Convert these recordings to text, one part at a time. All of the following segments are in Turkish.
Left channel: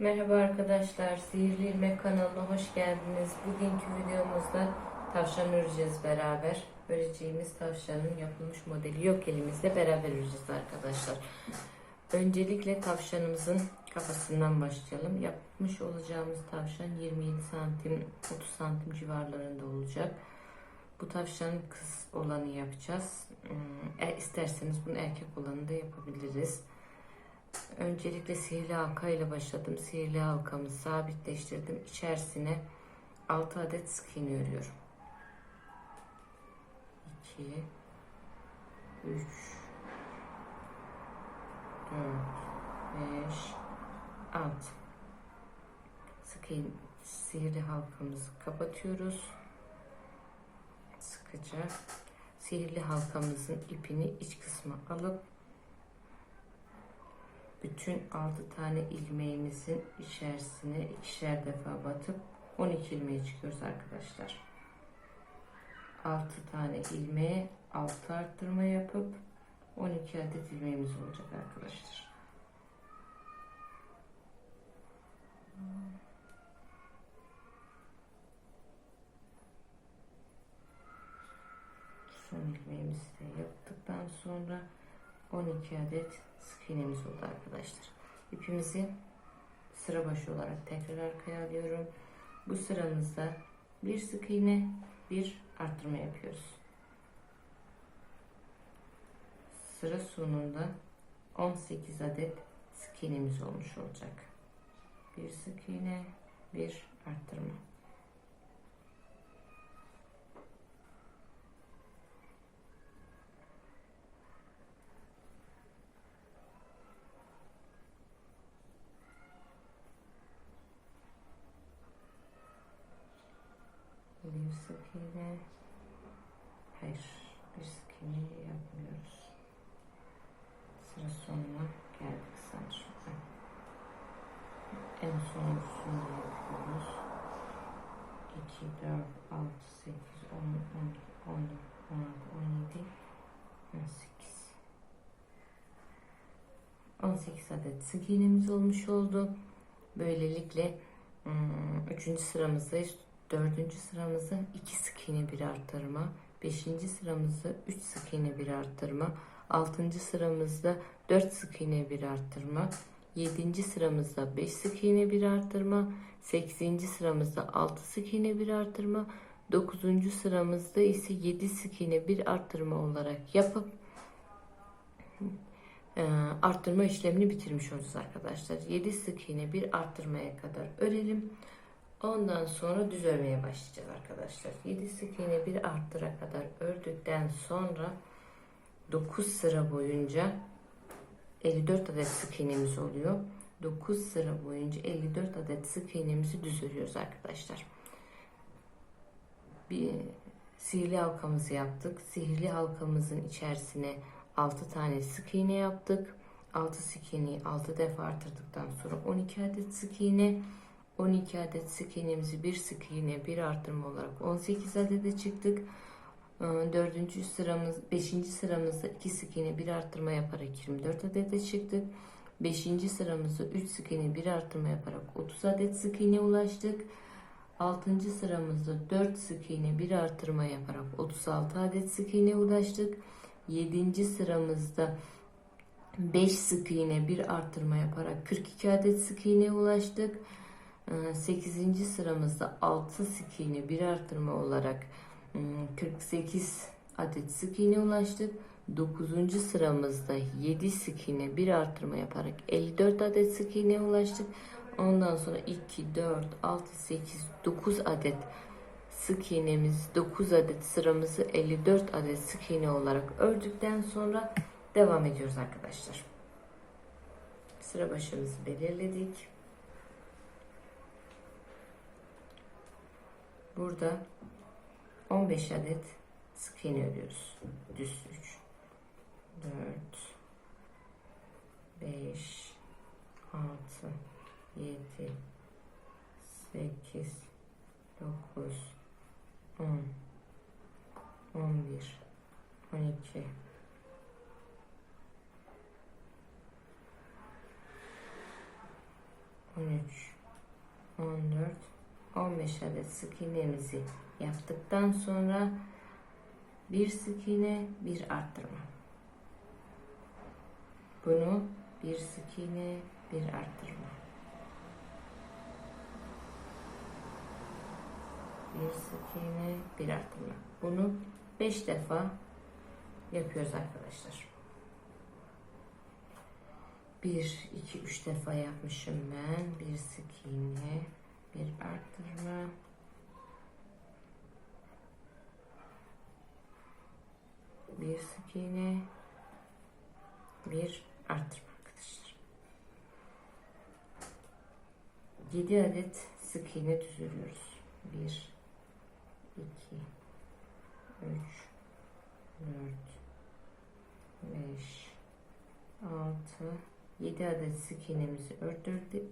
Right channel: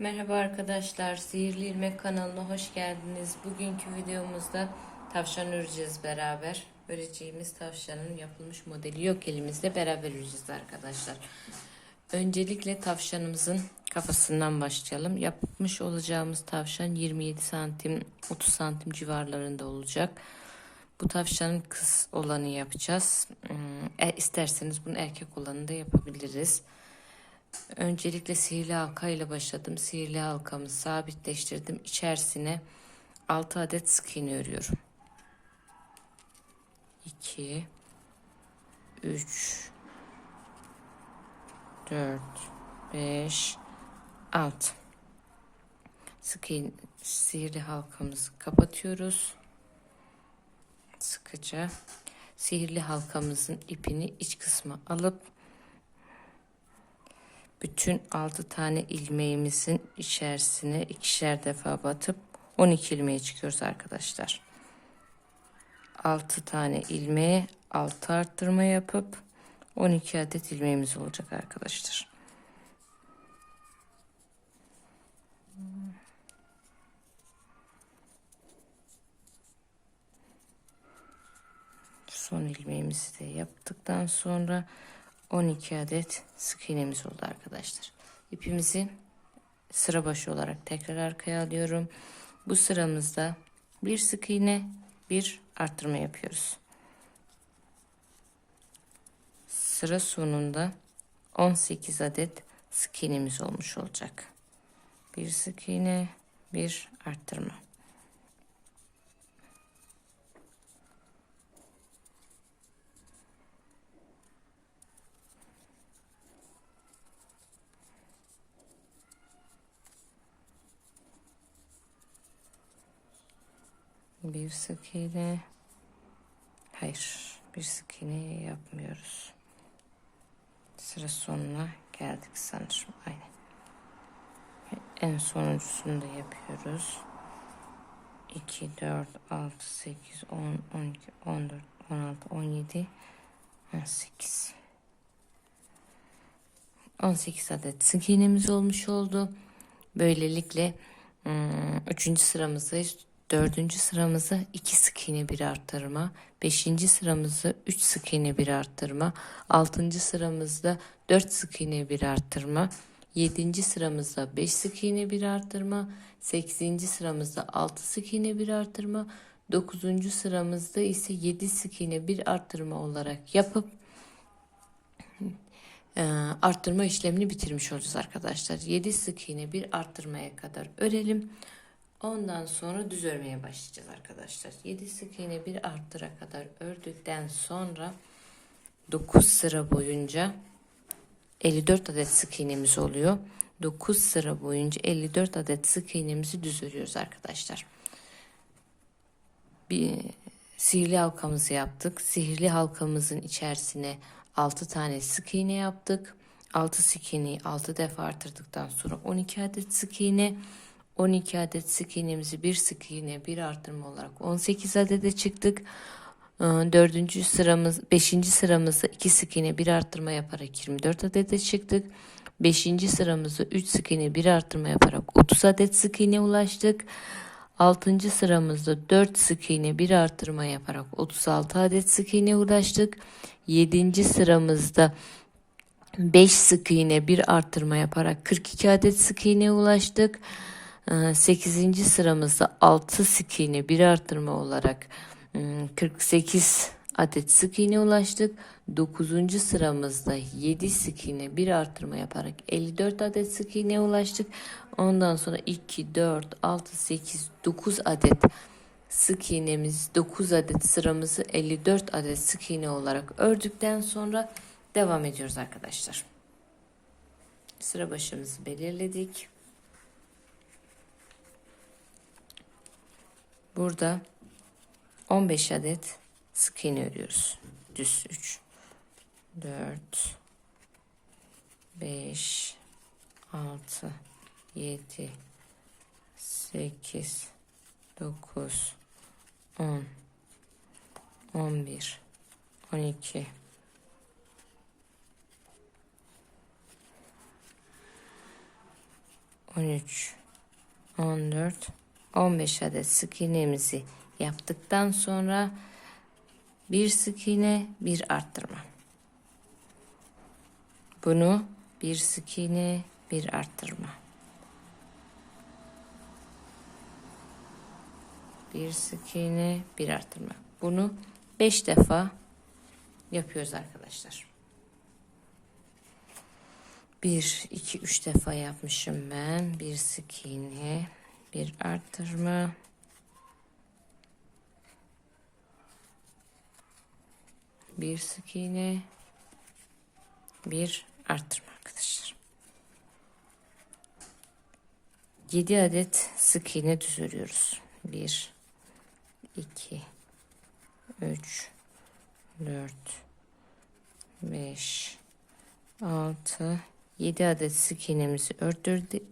Merhaba arkadaşlar, Sihirli İlmek kanalına hoş geldiniz. Bugünkü videomuzda tavşan öreceğiz beraber. Öreceğimiz tavşanın yapılmış modeli yok elimizde beraber öreceğiz arkadaşlar. Öncelikle tavşanımızın kafasından başlayalım. Yapmış olacağımız tavşan 27 santim 30 santim civarlarında olacak. Bu tavşanın kız olanı yapacağız. Hmm, E, isterseniz bunu erkek olanı da yapabiliriz. Öncelikle sihirli halka ile başladım. Sihirli halkamı sabitleştirdim. İçerisine 6 adet sık iğne örüyorum. 2 3 4 5 6 Sık iğne, sihirli halkamızı kapatıyoruz. Sıkıca sihirli halkamızın ipini iç kısmı alıp bütün 6 tane ilmeğimizin içerisine ikişer defa batıp 12 ilmeğe çıkıyoruz arkadaşlar. 6 tane ilmeğe 6 arttırma yapıp 12 adet ilmeğimiz olacak arkadaşlar. Son ilmeğimizi de yaptıktan sonra 12 adet sık iğnemiz oldu arkadaşlar. İpimizi sıra başı olarak tekrar arkaya alıyorum. Bu sıramızda bir sık iğne, bir arttırma yapıyoruz. Sıra sonunda 18 adet sık iğnemiz olmuş olacak. Bir sık iğne, bir arttırma. Bir sık iğne. Hayır, bir sık iğne yapmıyoruz. Sıra sonuna geldik sanırım. Aynen. En sonuncusunu da yapıyoruz. 2, 4, 6, 8, 10, 12, 14, 16, 17, 18. 18 adet sık iğnemiz olmuş oldu. Böylelikle ım, üçüncü sıramızdayız. Dördüncü sıramızı iki sık iğne bir arttırma. Beşinci sıramızı üç sık iğne bir arttırma. Altıncı sıramızda dört sık iğne bir arttırma. Yedinci sıramızda beş sık iğne bir arttırma. Sekizinci sıramızda altı sık iğne bir arttırma. Dokuzuncu sıramızda ise yedi sık iğne bir arttırma olarak yapıp e, arttırma işlemini bitirmiş olacağız arkadaşlar. 7 sık iğne bir arttırmaya kadar örelim. Ondan sonra düz örmeye başlayacağız arkadaşlar. 7 sık iğne bir arttıra kadar ördükten sonra 9 sıra boyunca 54 adet sık iğnemiz oluyor. 9 sıra boyunca 54 adet sık iğnemizi düz örüyoruz arkadaşlar. Bir sihirli halkamızı yaptık. Sihirli halkamızın içerisine 6 tane sık iğne yaptık. 6 sık iğneyi 6 defa artırdıktan sonra 12 adet sık iğne 12 adet sık iğnemizi bir sık iğne bir artırma olarak 18 adede çıktık. 4. sıramız 5. sıramızda 2 sık iğne bir artırma yaparak 24 adede çıktık. 5. sıramızda 3 sık iğne bir artırma yaparak 30 adet sık iğne ulaştık. 6. sıramızda 4 sık iğne bir artırma yaparak 36 adet sık iğne ulaştık. 7. sıramızda 5 sık iğne bir artırma yaparak 42 adet sık iğne ulaştık. 8. sıramızda 6 sık iğne bir artırma olarak 48 adet sık iğne ulaştık. 9. sıramızda 7 sık iğne bir artırma yaparak 54 adet sık iğne ulaştık. Ondan sonra 2, 4, 6, 8, 9 adet sık iğnemiz 9 adet sıramızı 54 adet sık iğne olarak ördükten sonra devam ediyoruz arkadaşlar. Sıra başımızı belirledik. Burada 15 adet sık iğne örüyoruz. Düz 3 4 5 6 7 8 9 10 11 12 13 13, 14, 15 adet sık iğnemizi yaptıktan sonra bir sık iğne, bir arttırma. Bunu bir sık iğne, bir arttırma. Bir sık iğne, bir arttırma. Bunu 5 defa yapıyoruz arkadaşlar. 1, 2, 3 defa yapmışım ben. Bir sık iğne, bir arttırma. Bir sık iğne, bir arttırma arkadaşlar. 7 adet sık iğne düz örüyoruz. 1 2 3 4 5 6 7 adet sık iğnemizi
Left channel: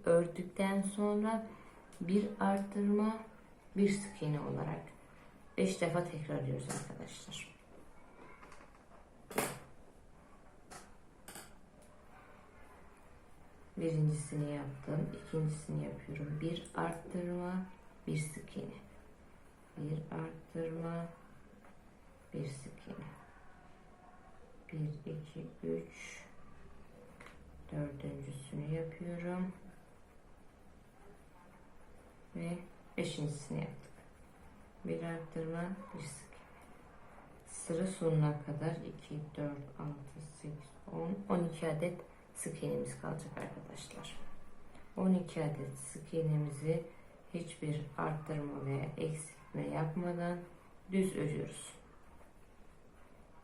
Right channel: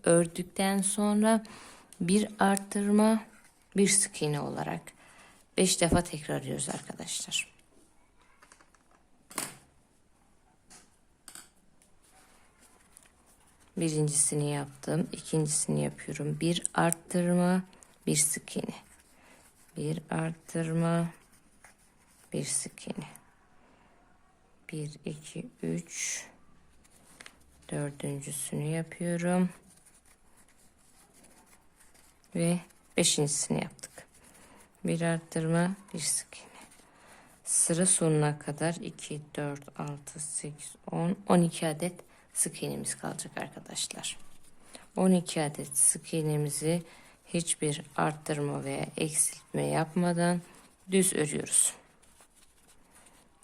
ördükten sonra bir arttırma bir sık iğne olarak 5 defa tekrarlıyoruz arkadaşlar. Birincisini yaptım. ikincisini yapıyorum. Bir arttırma, bir sık iğne. Bir arttırma, bir sık iğne. Bir, iki, üç. Dördüncüsünü yapıyorum. Ve beşincisini yaptık. Bir arttırma, bir sık iğne. Sıra sonuna kadar 2, 4, 6, 8, 10, 12 adet sık iğnemiz kalacak arkadaşlar. 12 adet sık iğnemizi hiçbir arttırma veya eksiltme yapmadan düz örüyoruz.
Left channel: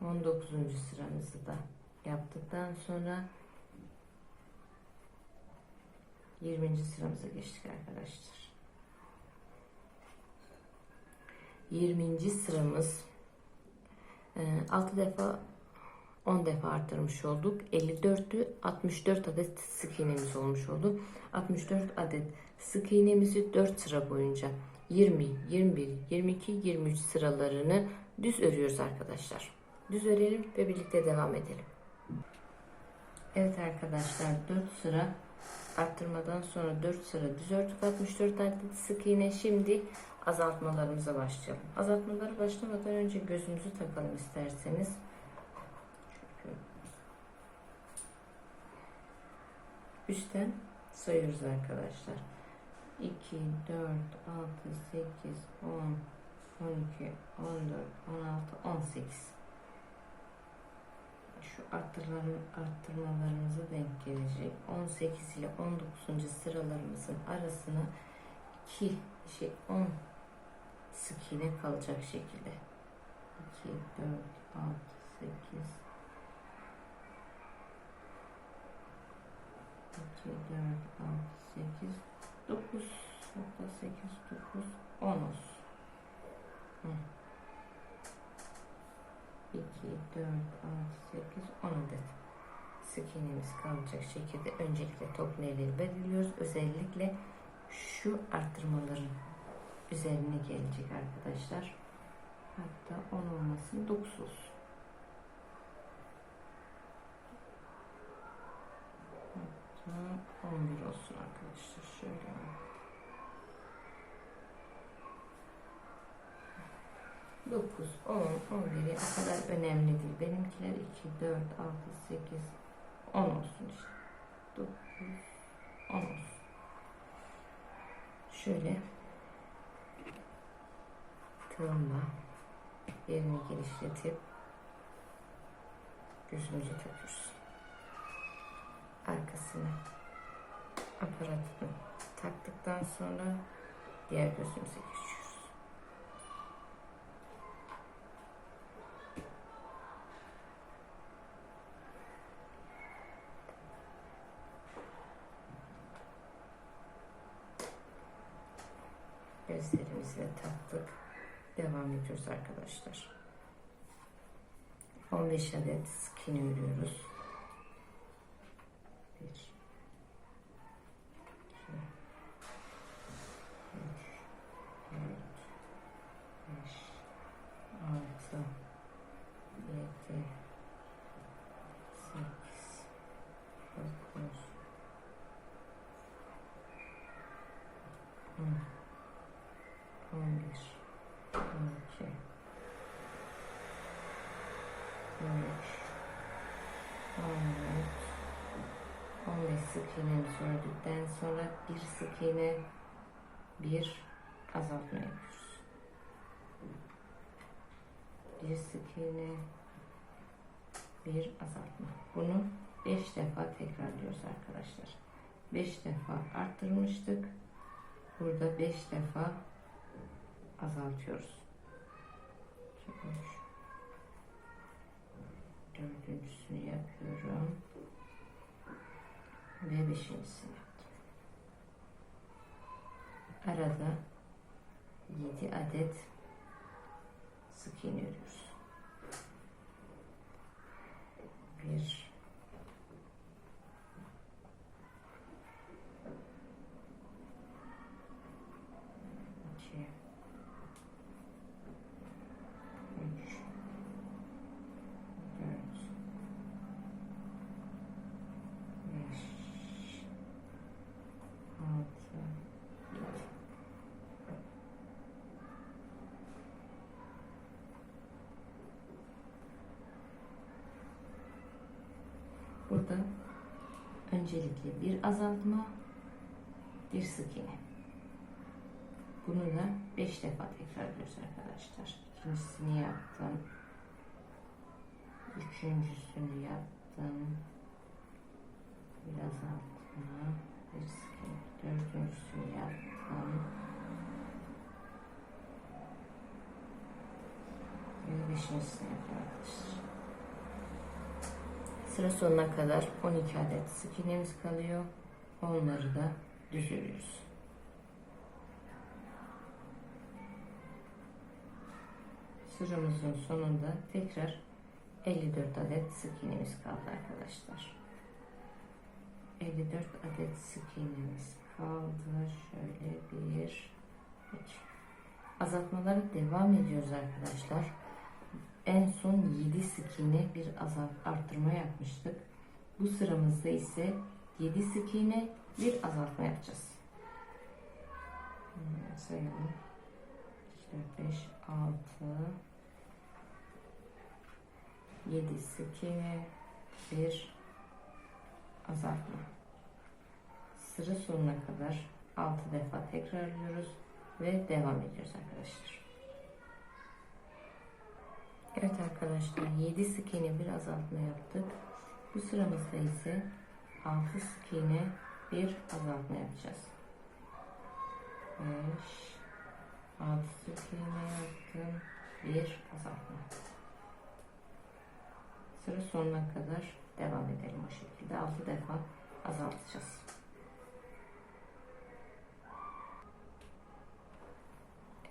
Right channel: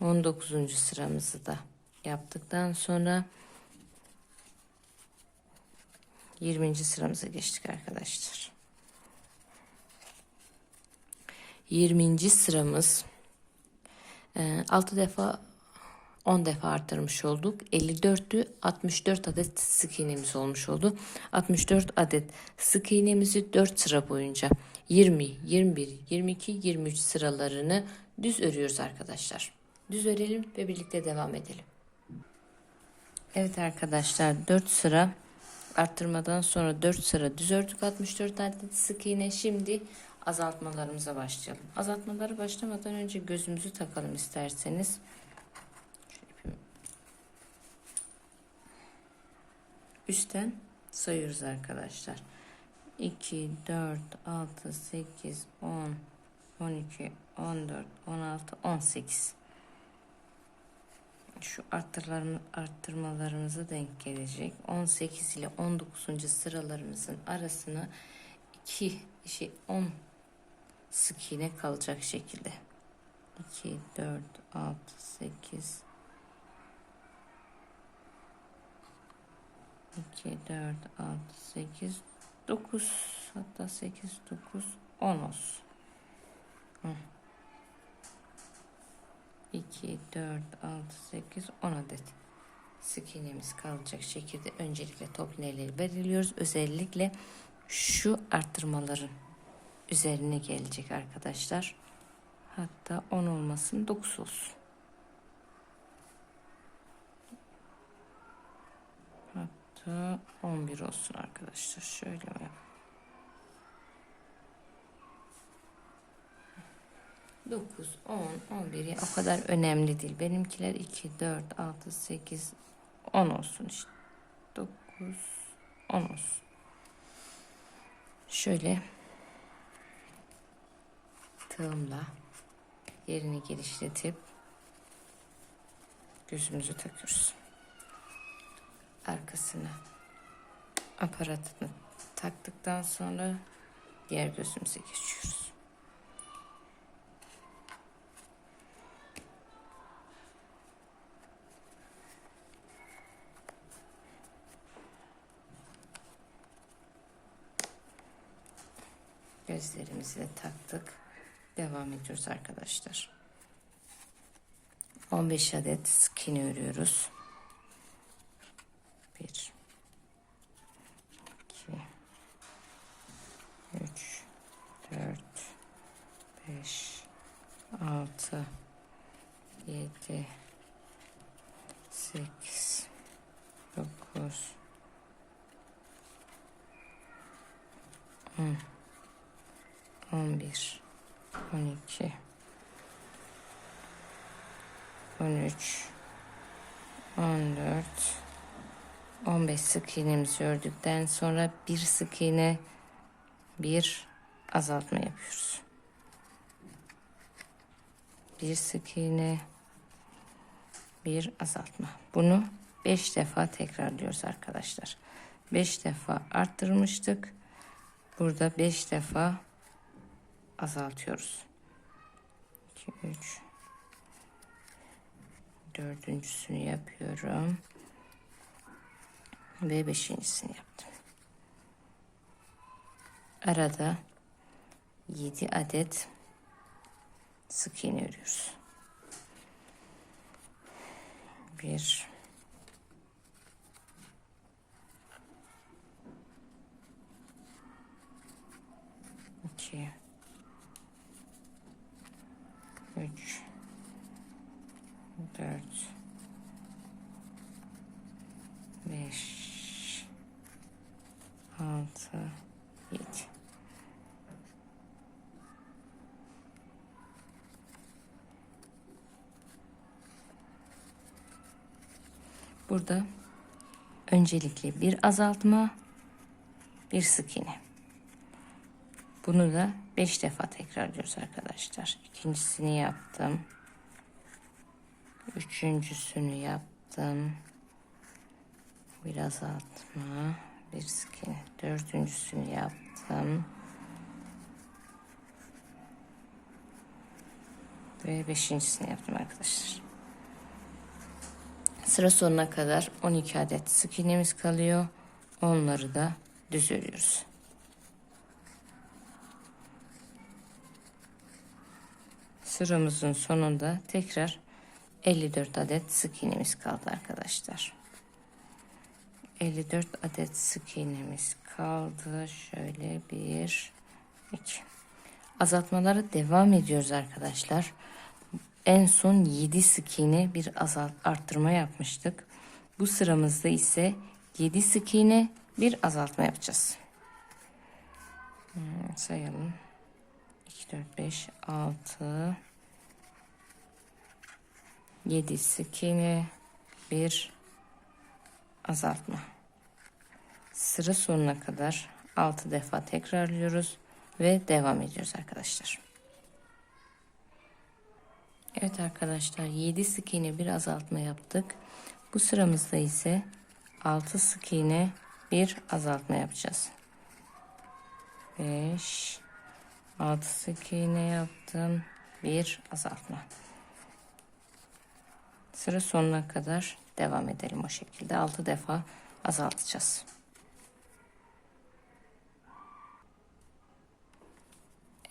19. sıramızı da yaptıktan sonra 20. sıramıza geçtik arkadaşlar. 20. sıramız 6 defa 10 defa arttırmış olduk. 54'tü 64 adet sık iğnemiz olmuş oldu. 64 adet sık iğnemizi 4 sıra boyunca 20, 21, 22, 23 sıralarını düz örüyoruz arkadaşlar. Düz örelim ve birlikte devam edelim. Evet arkadaşlar 4 sıra arttırmadan sonra 4 sıra düz ördük 64 adet sık iğne. Şimdi azaltmalarımıza başlayalım. Azaltmaları başlamadan önce gözümüzü takalım isterseniz. Üstten sayıyoruz arkadaşlar. 2, 4, 6, 8, 10, 12, 14, 16, 18. Şu arttırmalarımız, arttırmalarımıza denk gelecek. 18 ile 19. sıralarımızın arasına 2 şey 10 sık iğne kalacak şekilde. 2, 4, 6, 8, 2, 4, 6, 8, 9 hatta 8, 9, 10 olsun. Hı. 2, 4, 6, 8, 10 adet sık iğnemiz kalacak şekilde öncelikle top iğneleri belirliyoruz. Özellikle şu arttırmaların üzerine gelecek arkadaşlar. Hatta 10 olmasın 9 olsun. Hatta 11 olsun arkadaşlar. Şöyle mi? 9, 10, 11 o kadar önemli değil. Benimkiler 2, 4, 6, 8, 10 olsun işte. 9, 10 olsun. Şöyle tığımla yerini genişletip gözümüzü takıyoruz. Arkasına aparatını taktıktan sonra diğer gözümüze geçiyoruz. Gözlerimizi taktık. Devam ediyoruz arkadaşlar. 15 adet sık iğne örüyoruz. 1 2 3 4 5 6 7 8 9 11 12 13 14 15 sık iğnemizi ördükten sonra bir sık iğne bir azaltma yapıyoruz. Bir sık iğne bir azaltma. Bunu 5 defa tekrarlıyoruz arkadaşlar. 5 defa arttırmıştık. Burada 5 defa azaltıyoruz. 2 3 dördüncüsünü yapıyorum. Ve beşincisini yaptım. Arada 7 adet sık iğne örüyoruz. 1 2 Burada öncelikle bir azaltma, bir sık iğne. Bunu da 5 defa tekrarlıyoruz arkadaşlar. İkincisini yaptım. Üçüncüsünü yaptım. Bir azaltma, bir sık iğne. Dördüncüsünü yaptım. Ve beşincisini yaptım arkadaşlar. Sıra sonuna kadar 12 adet sık iğnemiz kalıyor. Onları da düz örüyoruz. Sıramızın sonunda tekrar 54 adet sık iğnemiz kaldı arkadaşlar. 54 adet sık iğnemiz kaldı. Şöyle bir, iki. Azaltmalara devam ediyoruz arkadaşlar. En son 7 sık iğne bir azalt arttırma yapmıştık. Bu sıramızda ise 7 sık iğne bir azaltma yapacağız. Hmm, sayalım. 2, 4, 5, 6, 7 sık iğne bir azaltma. Sıra sonuna kadar 6 defa tekrarlıyoruz ve devam ediyoruz arkadaşlar. Evet arkadaşlar 7 sık iğne bir azaltma yaptık. Bu sıramızda ise 6 sık iğne bir azaltma yapacağız. 5 6 sık iğne yaptım. Bir azaltma. Sıra sonuna kadar devam edelim o şekilde. 6 defa azaltacağız.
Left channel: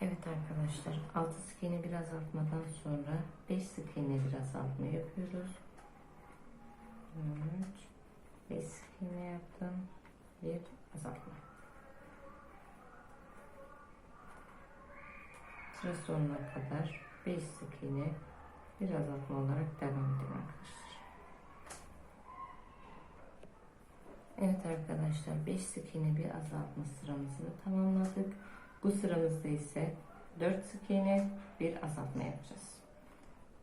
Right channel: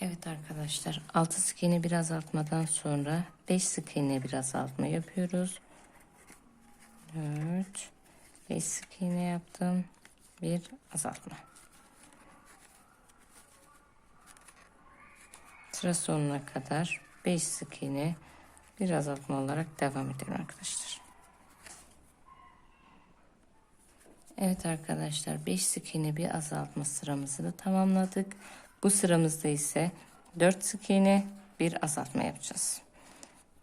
Evet arkadaşlar 6 sık iğne bir azaltmadan sonra 5 sık iğne bir azaltma yapıyoruz. 4 5 sık iğne yaptım. Bir azaltma. Sıra sonuna kadar 5 sık iğne bir azaltma olarak devam edelim arkadaşlar. Evet arkadaşlar 5 sık iğne bir azaltma sıramızı da tamamladık. Bu sıramızda ise 4 sık iğne bir azaltma yapacağız.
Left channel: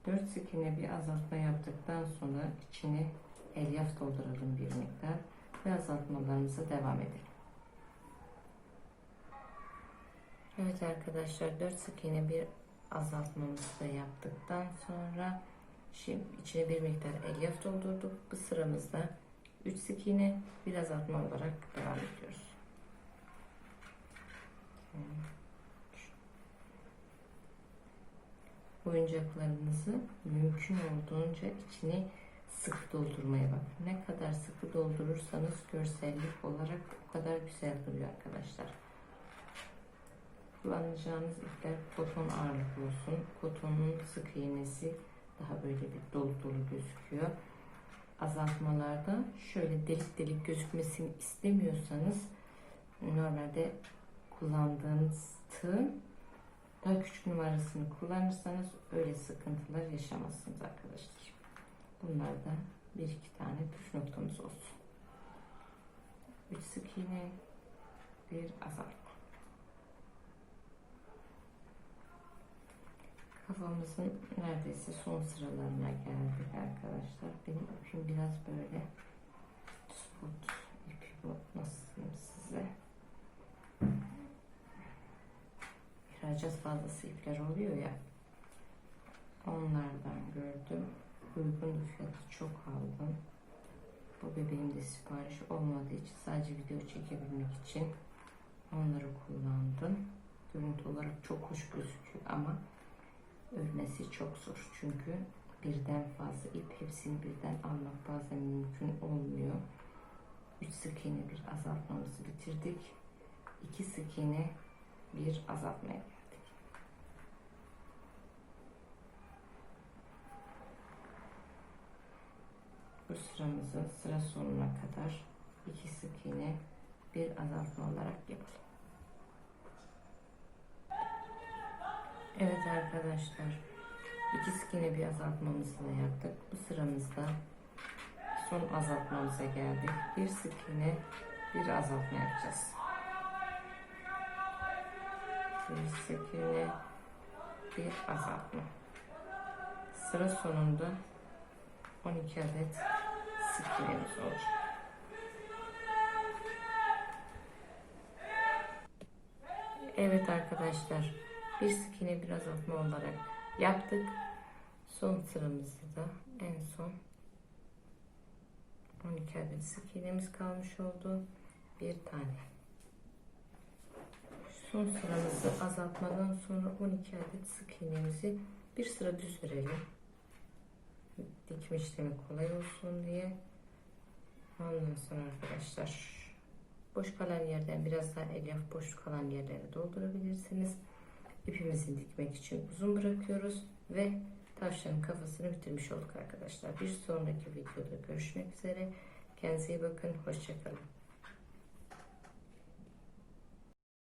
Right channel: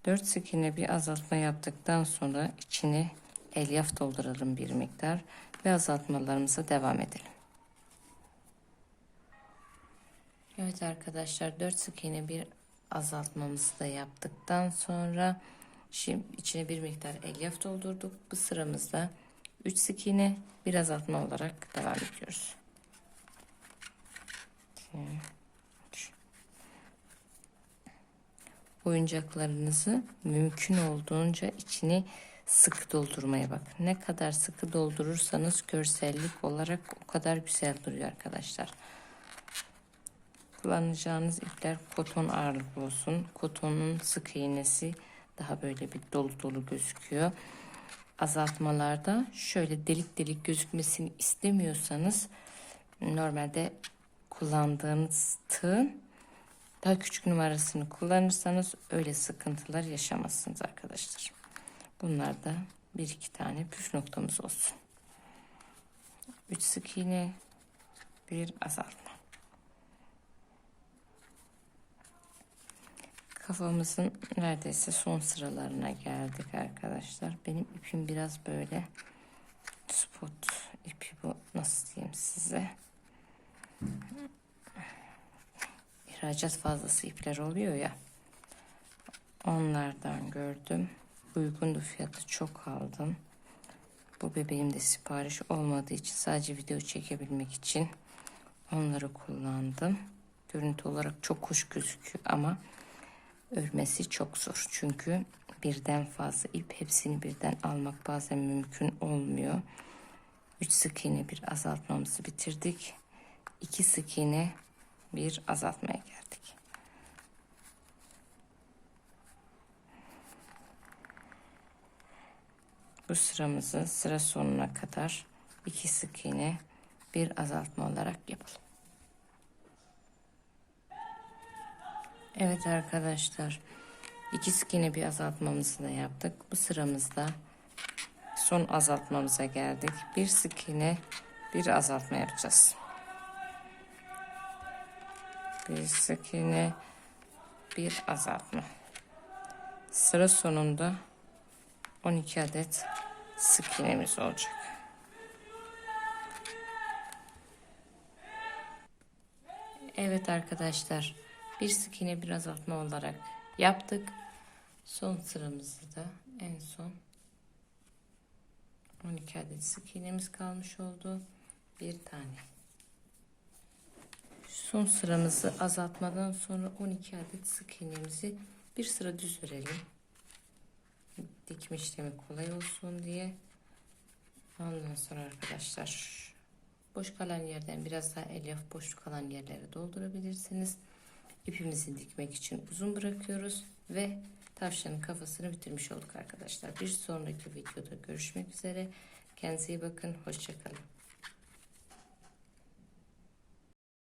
4 sık iğne bir azaltma yaptıktan sonra içine elyaf dolduralım bir miktar ve azaltmalarımıza devam edelim. Evet arkadaşlar 4 sık iğne bir azaltmamızı da yaptıktan sonra şimdi içine bir miktar elyaf doldurduk. Bu sıramızda 3 sık iğne bir azaltma olarak devam ediyoruz. Oyuncaklarınızı mümkün olduğunca içini sıkı doldurmaya bak. Ne kadar sıkı doldurursanız görsellik olarak o kadar güzel duruyor arkadaşlar. Kullanacağınız ipler koton ağırlık olsun. Kotonun sık iğnesi daha böyle bir dolu dolu gözüküyor. Azaltmalarda şöyle delik delik gözükmesini istemiyorsanız normalde kullandığınız tığın daha küçük numarasını kullanırsanız öyle sıkıntılar yaşamazsınız arkadaşlar. Bunlar da bir iki tane püf noktamız olsun. 3 sık iğne, bir azaltma. Kafamızın neredeyse son sıralarına geldik arkadaşlar. Benim ipim biraz böyle spot ipi bu nasıl diyeyim size. İhracat fazlası ipler oluyor ya. Onlardan gördüm. Uygundu fiyatı çok aldım. Bu bebeğimde sipariş olmadığı için sadece video çekebilmek için onları kullandım. Görüntü olarak çok hoş gözüküyor ama örmesi çok zor. Çünkü birden fazla ip hepsini birden almak bazen mümkün olmuyor. 3 sık iğne bir azaltmamızı bitirdik. 2 sık iğne bir azaltmaya geldik. Bu sıramızı sıra sonuna kadar 2 sık iğne bir azaltma olarak yapalım. Evet arkadaşlar. iki sık iğne bir azaltmamızı da yaptık. Bu sıramızda son azaltmamıza geldik. Bir sık iğne bir azaltma yapacağız. Bir iğne bir azaltma. Sıra sonunda 12 adet sık iğnemiz olacak. Evet arkadaşlar bir sık iğne bir azaltma olarak yaptık. Son sıramızı da en son 12 adet sık iğnemiz kalmış oldu. Bir tane. Son sıramızı azaltmadan sonra 12 adet sık iğnemizi bir sıra düz verelim. Dikme işlemi kolay olsun diye. Ondan sonra arkadaşlar boş kalan yerden biraz daha elyaf boş kalan yerlere doldurabilirsiniz. İpimizi dikmek için uzun bırakıyoruz ve tavşanın kafasını bitirmiş olduk arkadaşlar. Bir sonraki videoda görüşmek üzere. Kendinize iyi bakın. Hoşçakalın.